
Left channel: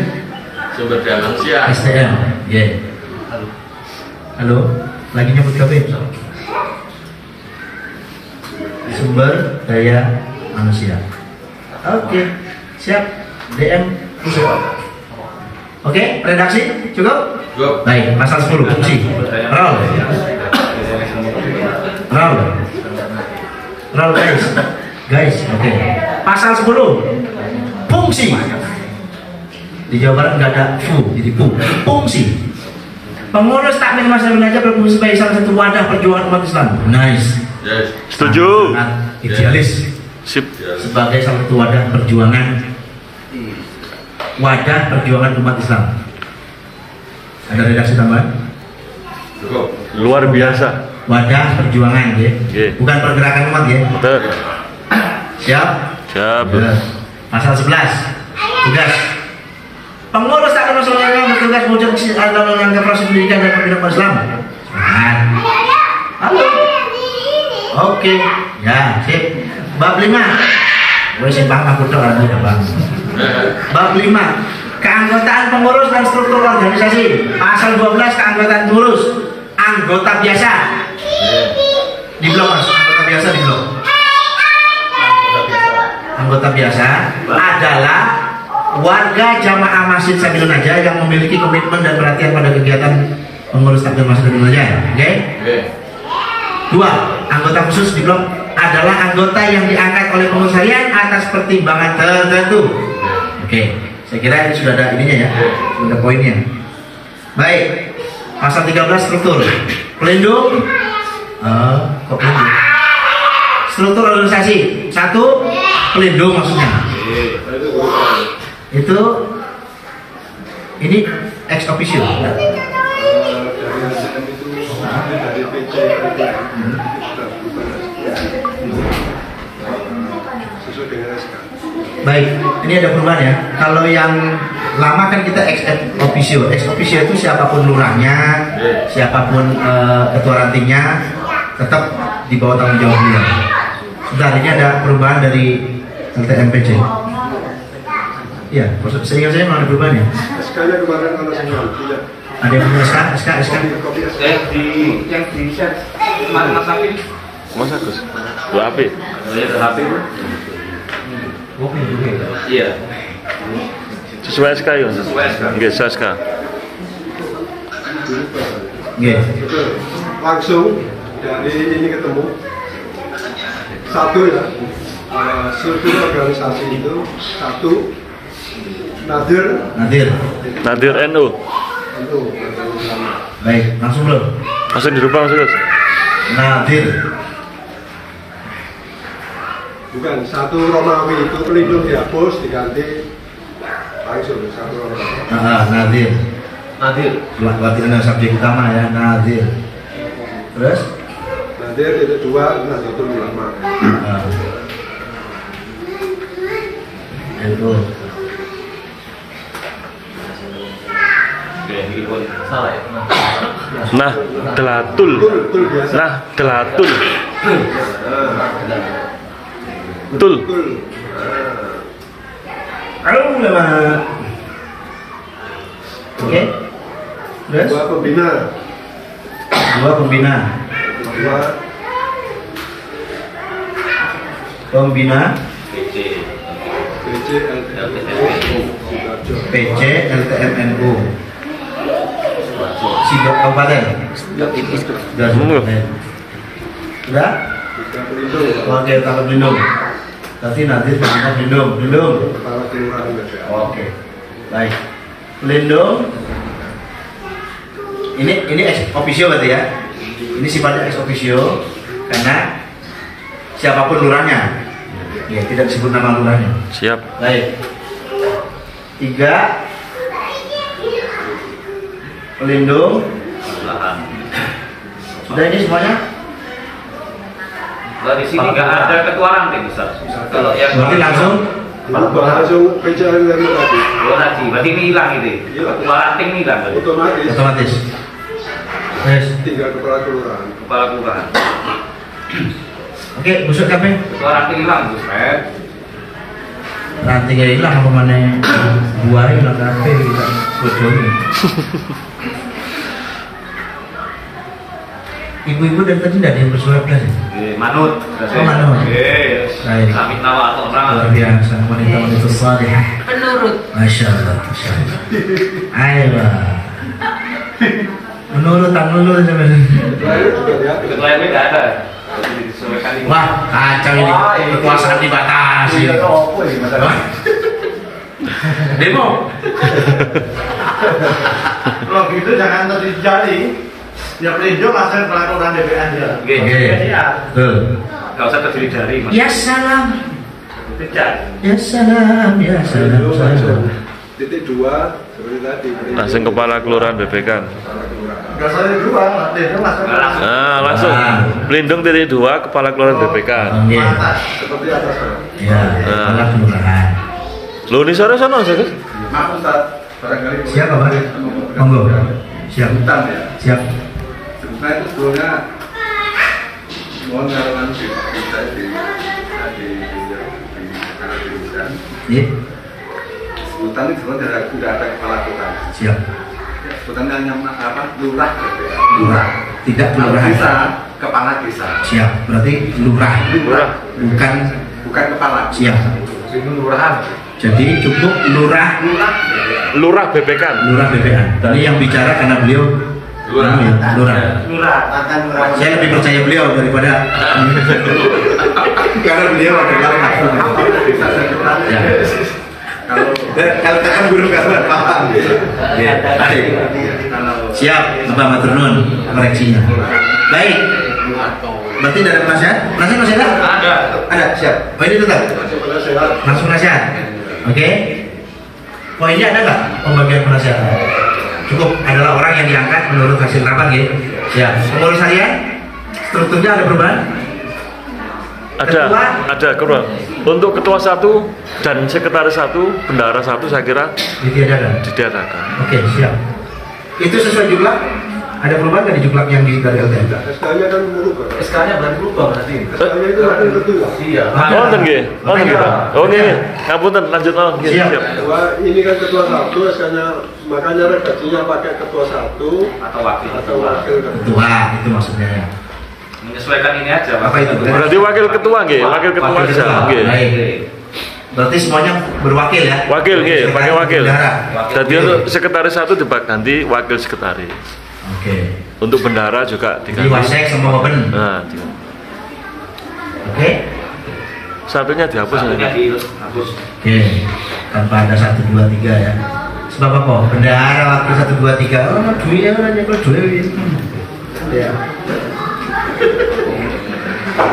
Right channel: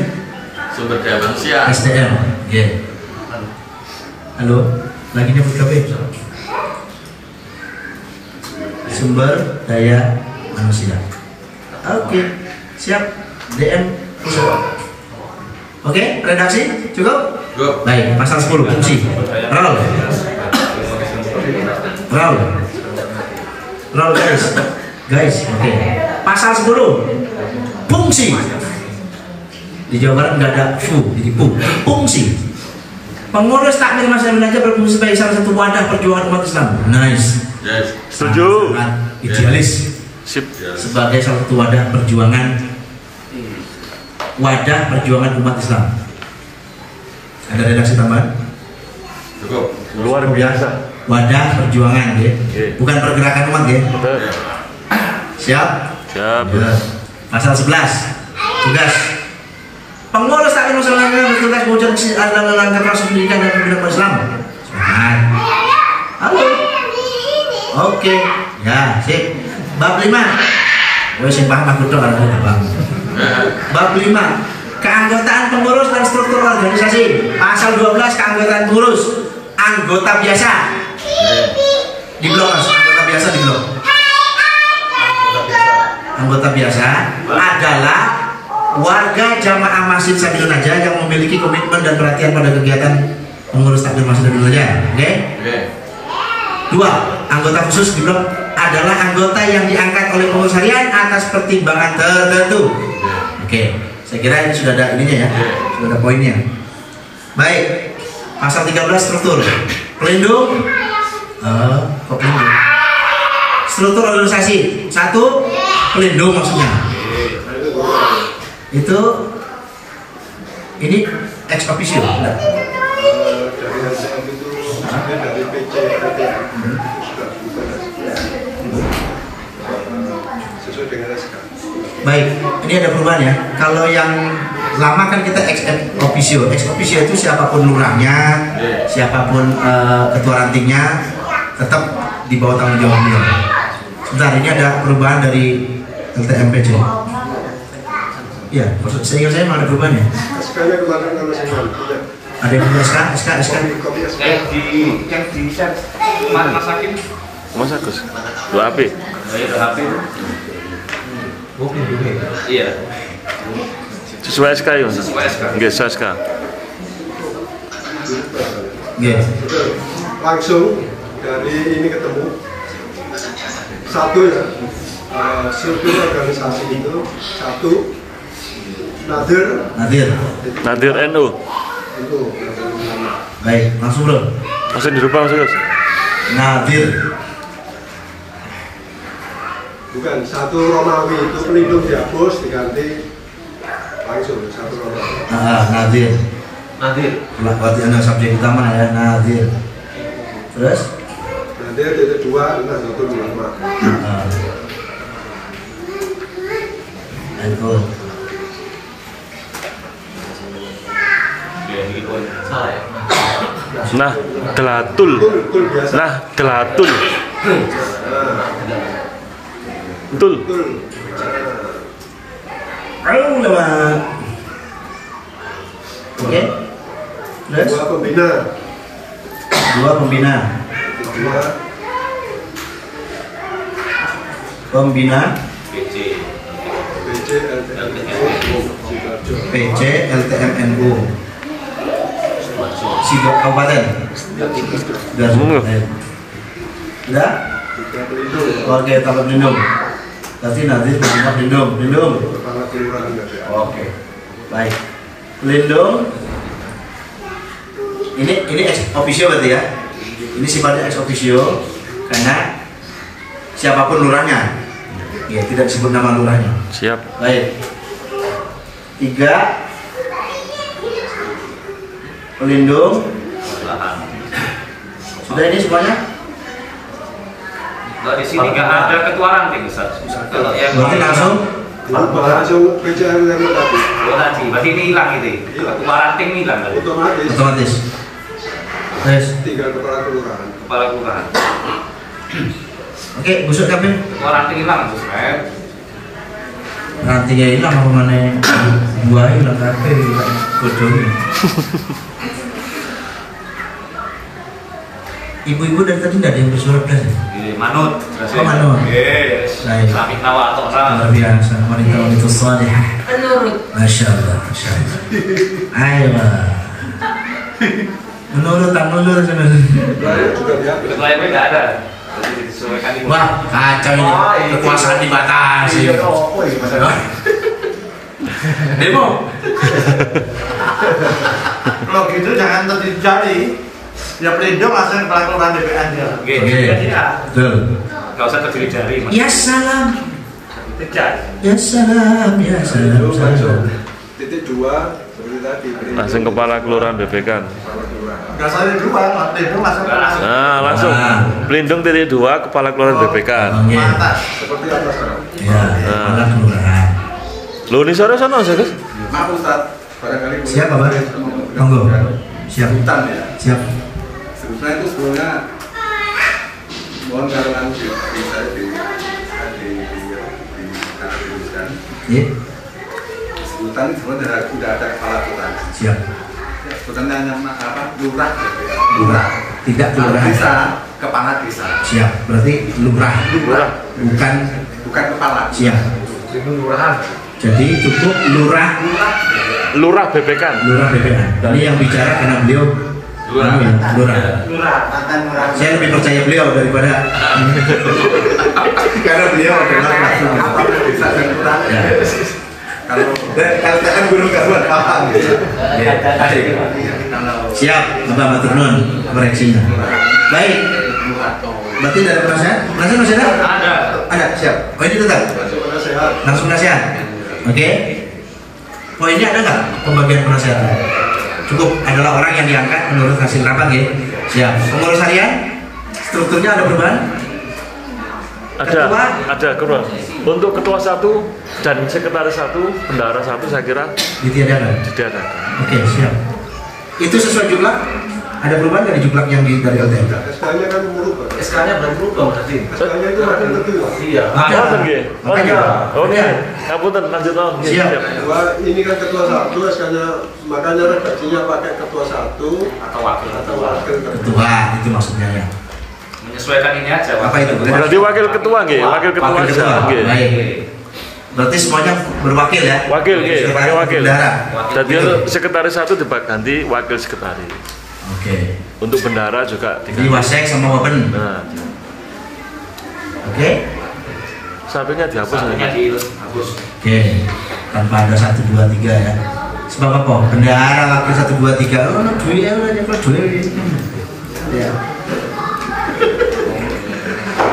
Sumber daya manusia. SDM, ya. Halo, lagi nyebut KB. Sumber daya manusia. Oke, siap. DM. Oke, redaksi cukup? Baik, pasal 10 fungsi. Roll guys. Oke. Pasal 10 fungsi. Di Jawa Barat nggak ada jadi fungsi. Pengurus takmir masjid belajar berfungsi sebagai salah satu wadah perjuangan umat Islam. Nice. Yes. Setuju. Sangat idealis. Sip. Sebagai salah satu wadah perjuangan umat Islam. Ada redaksi tambahan? Luar biasa. Wadah perjuangan ya. Bukan pergerakan umat ya. Betul. Siap? Siap. Ya. Pasal 11. Tugas. Pengurus takmir masjid bertugas mewujudkan dalam menangkap proses pendidikan dan pembinaan umat Islam. Semangat. Halo. Oke. Ya, sip. Bab 5. Gue simpang aku doa Bang. Bab 5. Keanggotaan pengurus dan struktur organisasi. Pasal 12 keanggotaan pengurus. Anggota biasa. Di blok Mas, anggota biasa di blok. Anggota biasa adalah warga jamaah Masjid Sabilun Najah yang memiliki komitmen dan perhatian pada kegiatan pengurus takmir Masjid Sabilun Najah. Oke? 2. Anggota khusus di blok adalah anggota yang diangkat oleh pengurus harian atas pertimbangan tertentu. Oke, saya kira ini sudah ada ininya ya, sudah ada poinnya. Baik, pasal 13 struktur pelindung. Kok pelindung? Struktur organisasi. 1. Pelindung maksudnya. Itu ini ex officio. dari PC sesuai dengan SK. Baik, ini ada perubahan ya. Kalau yang lama kan kita ex officio. Ex officio itu siapapun lurahnya, siapapun ketua rantingnya, tetap di bawah tanggung jawab beliau. Sebentar, ini ada perubahan dari LTMPC. Ya, saya ingat saya memang ada perubahannya. SK-nya kemarin kalau saya tidak. Ada yang SK. Yang di share Mas Hakim. Mas Agus. Dua HP. Iya. Sesuai SK ya. Nggih, sesuai SK. Nggih. Langsung dari ini ketemu satu ya, struktur organisasi itu satu Nadir NU. itu. Baik, langsung bro. Langsung dirubah Mas Agus. Nadir. Bukan, satu Romawi itu pelindung dihapus diganti langsung satu Romawi. Nadir. Berarti anda subjek utama ya, Nadir. Terus? Nadir titik dua, Nahdlatul Ulama. NU. Nah, Delatul. Tul biasa. Nah, Delatul. Tul. Halo, lewat. Oke. Terus? Dua pembina. PC LTMNU. Sigap Kabupaten. Sudah? Oke, tempat pelindung. Tapi nanti tempat pelindung. Oke. Baik. Pelindung. Ini ex officio berarti ya. Ini sifatnya ex officio karena siapapun lurahnya. Ya, tidak disebut nama lurahnya. Siap. Baik. 3 pelindung. Sudah ini semuanya? Dari sini nggak ada ketua ranting Ustaz. Kalau yang berarti langsung PC LTM tadi. tadi, berarti ini hilang itu. Ketua ranting ini hilang berarti. otomatis. Terus. Tinggal kepala kelurahan. Kepala kelurahan. Oke, busuk kabeh. Ketua ranting hilang itu Ustaz. Rantingnya hilang apa mana? Buah hilang kabeh hilang godong. Ibu-ibu dari tadi tidak ada yang bersuara plus. Manut. Oh, manut. Baik. Kami nawa atau Luar biasa, wanita salihah. Menurut. Masya Allah. Ayo. Menurut tak menurut sebenarnya. ketua ini nggak ada. Wah, kacau ini. Kekuasaan dibatasi. Demo. Kalau gitu jangan terjadi. Ya pelindung langsung peraturan DPR dia. Oke. Betul. Nggak usah terdiri dari. Ya salam. Tidak. Ya salam. Ya salam. Titik 2 seperti tadi. Langsung kepala kelurahan BPK. Dasarnya 2, pelindung langsung. Nah, langsung. Pelindung titik 2 kepala kelurahan BPK. Seperti atas. Ya, kepala kelurahan. Lu ini sore sana Ustaz. Maaf Ustaz, barangkali Siapa, Pak? Monggo. Siap. Sebutan ya. Siap. Sebutan itu sebetulnya mohon kalau nanti bisa dituliskan. Iya. Sebutan itu sebenarnya sudah ada kepala kelurahan. Siap. Sebutannya hanya apa? Lurah BPK. Lurah. Tidak Kalau kelurahan. bisa kepala desa. Siap. Berarti lurah. Bukan kepala. Siap. Lurahan. Jadi cukup lurah. Lurah BPK. Lurah BPK. Ini yang bicara karena beliau lurah. Saya lebih percaya beliau daripada karena beliau adalah langsung. Desa dan lurah. Ya. Kalau LTM guru karuan paham. Ya. Siap, Bapak Maturnuun koreksinya. Baik. Berarti dari penasihat? Penasihat masih ada? Ada. Ada, siap. Oh ini tetap? Langsung penasihat? Oke. Poinnya ada nggak pembagian penasihat? Cukup adalah orang yang diangkat menurut hasil rapat ya. Ya, pengurus harian strukturnya ada perubahan? Ada ketua. Untuk ketua 1 dan sekretaris 1, bendahara 1 saya kira ditiadakan. Oke, siap. Itu sesuai jumlah? Ada perubahan nggak di jumlah yang dari LTM? SK-nya kan berubah. SK-nya berubah berarti. SK-nya itu makin ketua. Iya. Ngapunten nggih. Oke. Ngapunten lanjut on. Siap. Ini kan ketua 1, SK-nya makanya redaksinya pakai ketua 1 atau wakil Ketua itu maksudnya ya. menyesuaikan ini aja. Apa itu? Berarti wakil ketua nggih, wakil ketua aja nggih. Baik. Berarti semuanya berwakil ya? Wakil nggih, pakai wakil. Bendahara. Jadi sekretaris 1 ganti wakil sekretaris. Oke. Untuk bendahara juga Jadi wasek sama wapen. Nah, Oke. satunya dihapus Satunya nanti. dihapus. Oke. Tanpa ada 1, 2, 3 ya. Sebab apa? Bendahara wakil 1, 2, 3. Oh, duit ya, nyekel duit. Ya.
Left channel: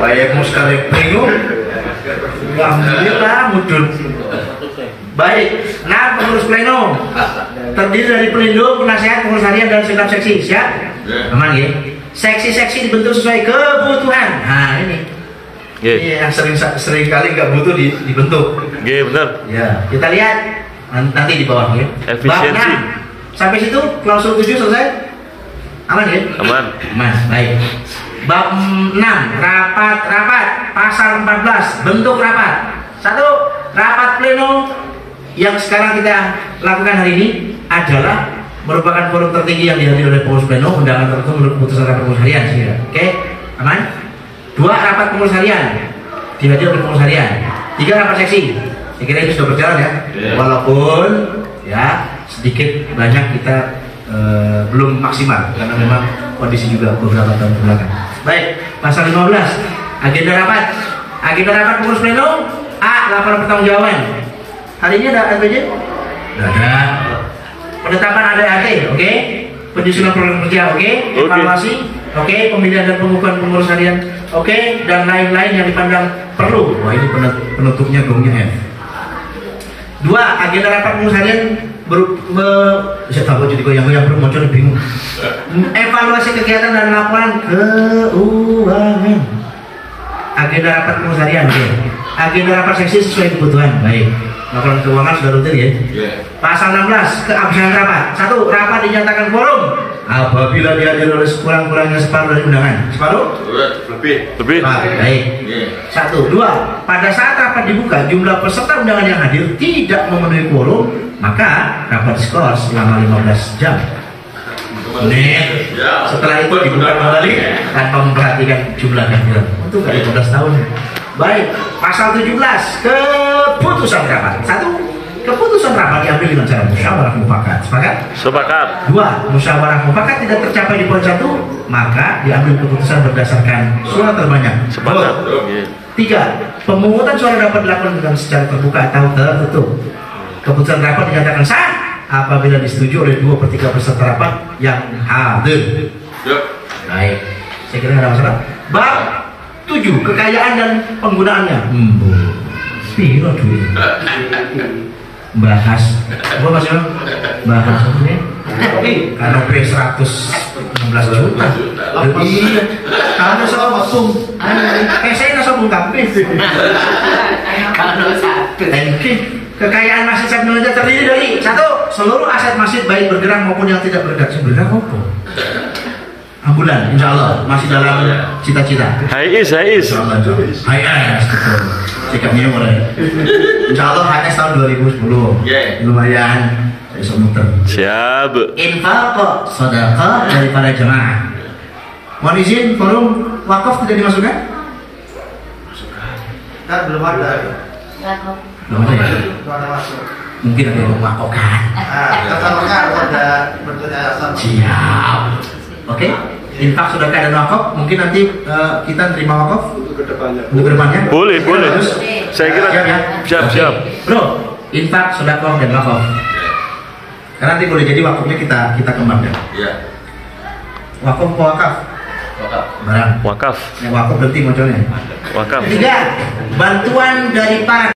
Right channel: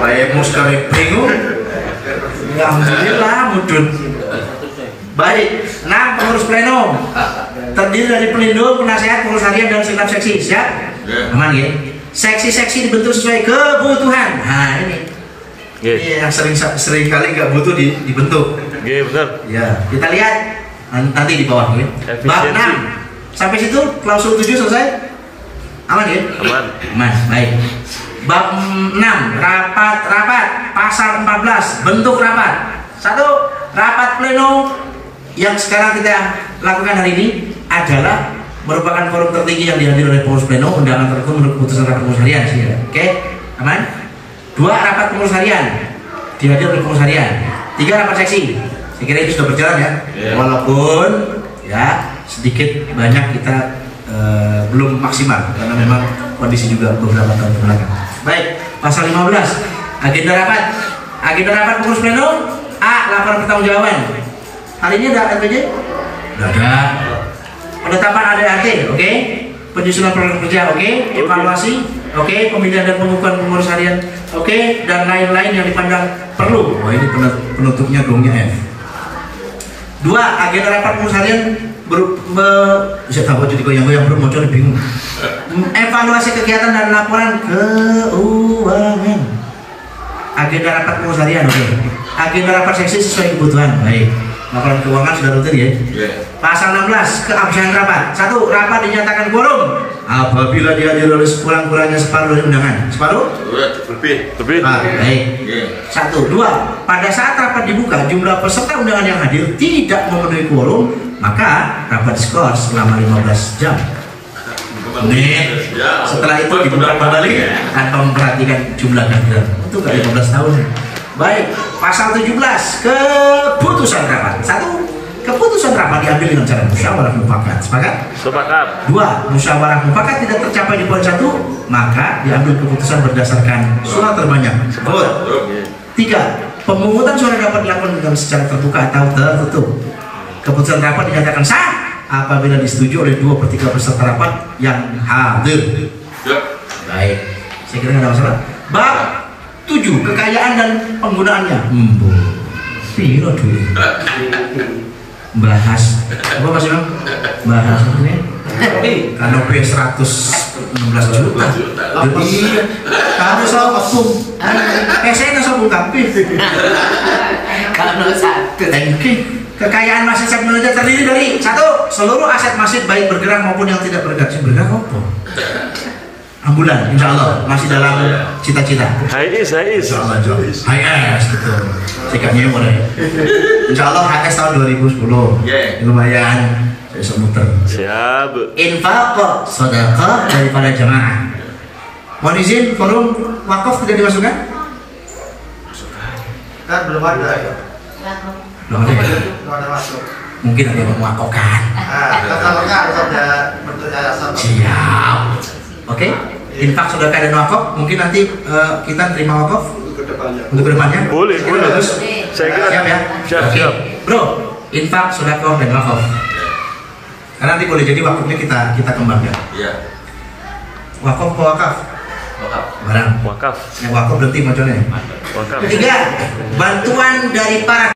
Baik, mau sekali bingung. Alhamdulillah mudun. Baik, 6 pengurus pleno terdiri dari pelindung, penasihat, pengurus harian dan segenap seksi. Siap? Aman ya? Seksi-seksi dibentuk sesuai kebutuhan. Nah ini yang sering kali nggak butuh dibentuk. Iya benar. Ya, kita lihat nanti di bawah ya. Bab 6 sampai situ klausul 7 selesai. Aman ya? Aman. Aman. Baik. Bab 6 rapat pasal 14 bentuk rapat. 1. Rapat pleno yang sekarang kita lakukan hari ini adalah merupakan forum tertinggi yang dihadiri oleh pengurus pleno, undangan tertentu menurut keputusan rapat pengurus harian. Oke, aman. 2. Rapat pengurus harian dihadiri oleh pengurus harian. 3. Rapat seksi. Saya kira ini sudah berjalan ya. Walaupun ya sedikit banyak kita belum maksimal karena memang kondisi juga beberapa tahun belakang. Baik, pasal 15 agenda rapat pengurus pleno. A. Laporan pertanggungjawaban. Hari ini ada LPJ? Tidak ada. Penetapan ADART, oke. Penyusunan program kerja, oke. Evaluasi, oke. Pemilihan dan pengukuhan pengurus harian, oke. Dan lain-lain yang dipandang perlu. Wah, ini penutupnya gongnya F. 2. Agenda rapat pengurus harian saya tahu jadi goyang-goyang belum muncul bingung. Evaluasi kegiatan dan laporan keuangan. Agenda rapat pengurus harian, oke. Agenda rapat seksi sesuai kebutuhan. Baik. Laporan keuangan sudah rutin ya. Pasal 16 keabsahan rapat. 1. Rapat dinyatakan quorum apabila dihadiri oleh sekurang-kurangnya separuh dari undangan. Separuh? Lebih. Baik. 1. 2. Pada saat rapat dibuka jumlah peserta undangan yang hadir tidak memenuhi quorum, maka rapat diskors selama 15 jam. Setelah itu dibuka kembali tanpa memperhatikan jumlah kehadiran. Itu kan 15 tahun. Baik, pasal 17 keputusan rapat. 1. Keputusan rapat diambil dengan cara musyawarah mufakat. Sepakat? Sepakat. 2. Musyawarah mufakat tidak tercapai di poin 1, maka diambil keputusan berdasarkan suara terbanyak. Sepakat. 3. Pemungutan suara dapat dilakukan dengan secara terbuka atau tertutup. Keputusan rapat dinyatakan sah apabila disetujui oleh 2/3 peserta rapat yang hadir. Baik, saya kira tidak ada masalah. Bab 7. Kekayaan dan penggunaannya. Piro duit. Bahas apa Mas Ilham? Bahas ini kanop 116 juta. Iya, karena sombong. Saya nggak sombong tapi Kalau satu. kekayaan masjid Syekh Nurul terdiri dari 1. Seluruh aset masjid baik bergerak maupun yang tidak bergerak. Bergerak apa? Ambulan, insya Allah masih dalam cita-cita. HIS. HS, betul. Cekapnya mulai. Insya Allah HS tahun 2010. Lumayan, saya bisa muter. Siap. Infak, sedekah dari para jemaah. Mohon izin, forum wakaf tidak dimasukkan? Kan belum ada ya. Belum ada ya? Belum ada masuk. Mungkin ada yang mewakafkan. Kalau harus ada bentuk yayasan. Siap. Oke, infak sedekah dan wakaf mungkin nanti kita terima wakaf Untuk kedepannya. Boleh. Terus, Saya kira siap ya. siap. Bro, infak sedekah dan wakaf. Karena nanti boleh jadi wakafnya kita kembangkan. Wakaf apa wakaf? Barang. Wakaf. Yang wakaf berarti macamnya. Wakaf. 3. Bantuan dari para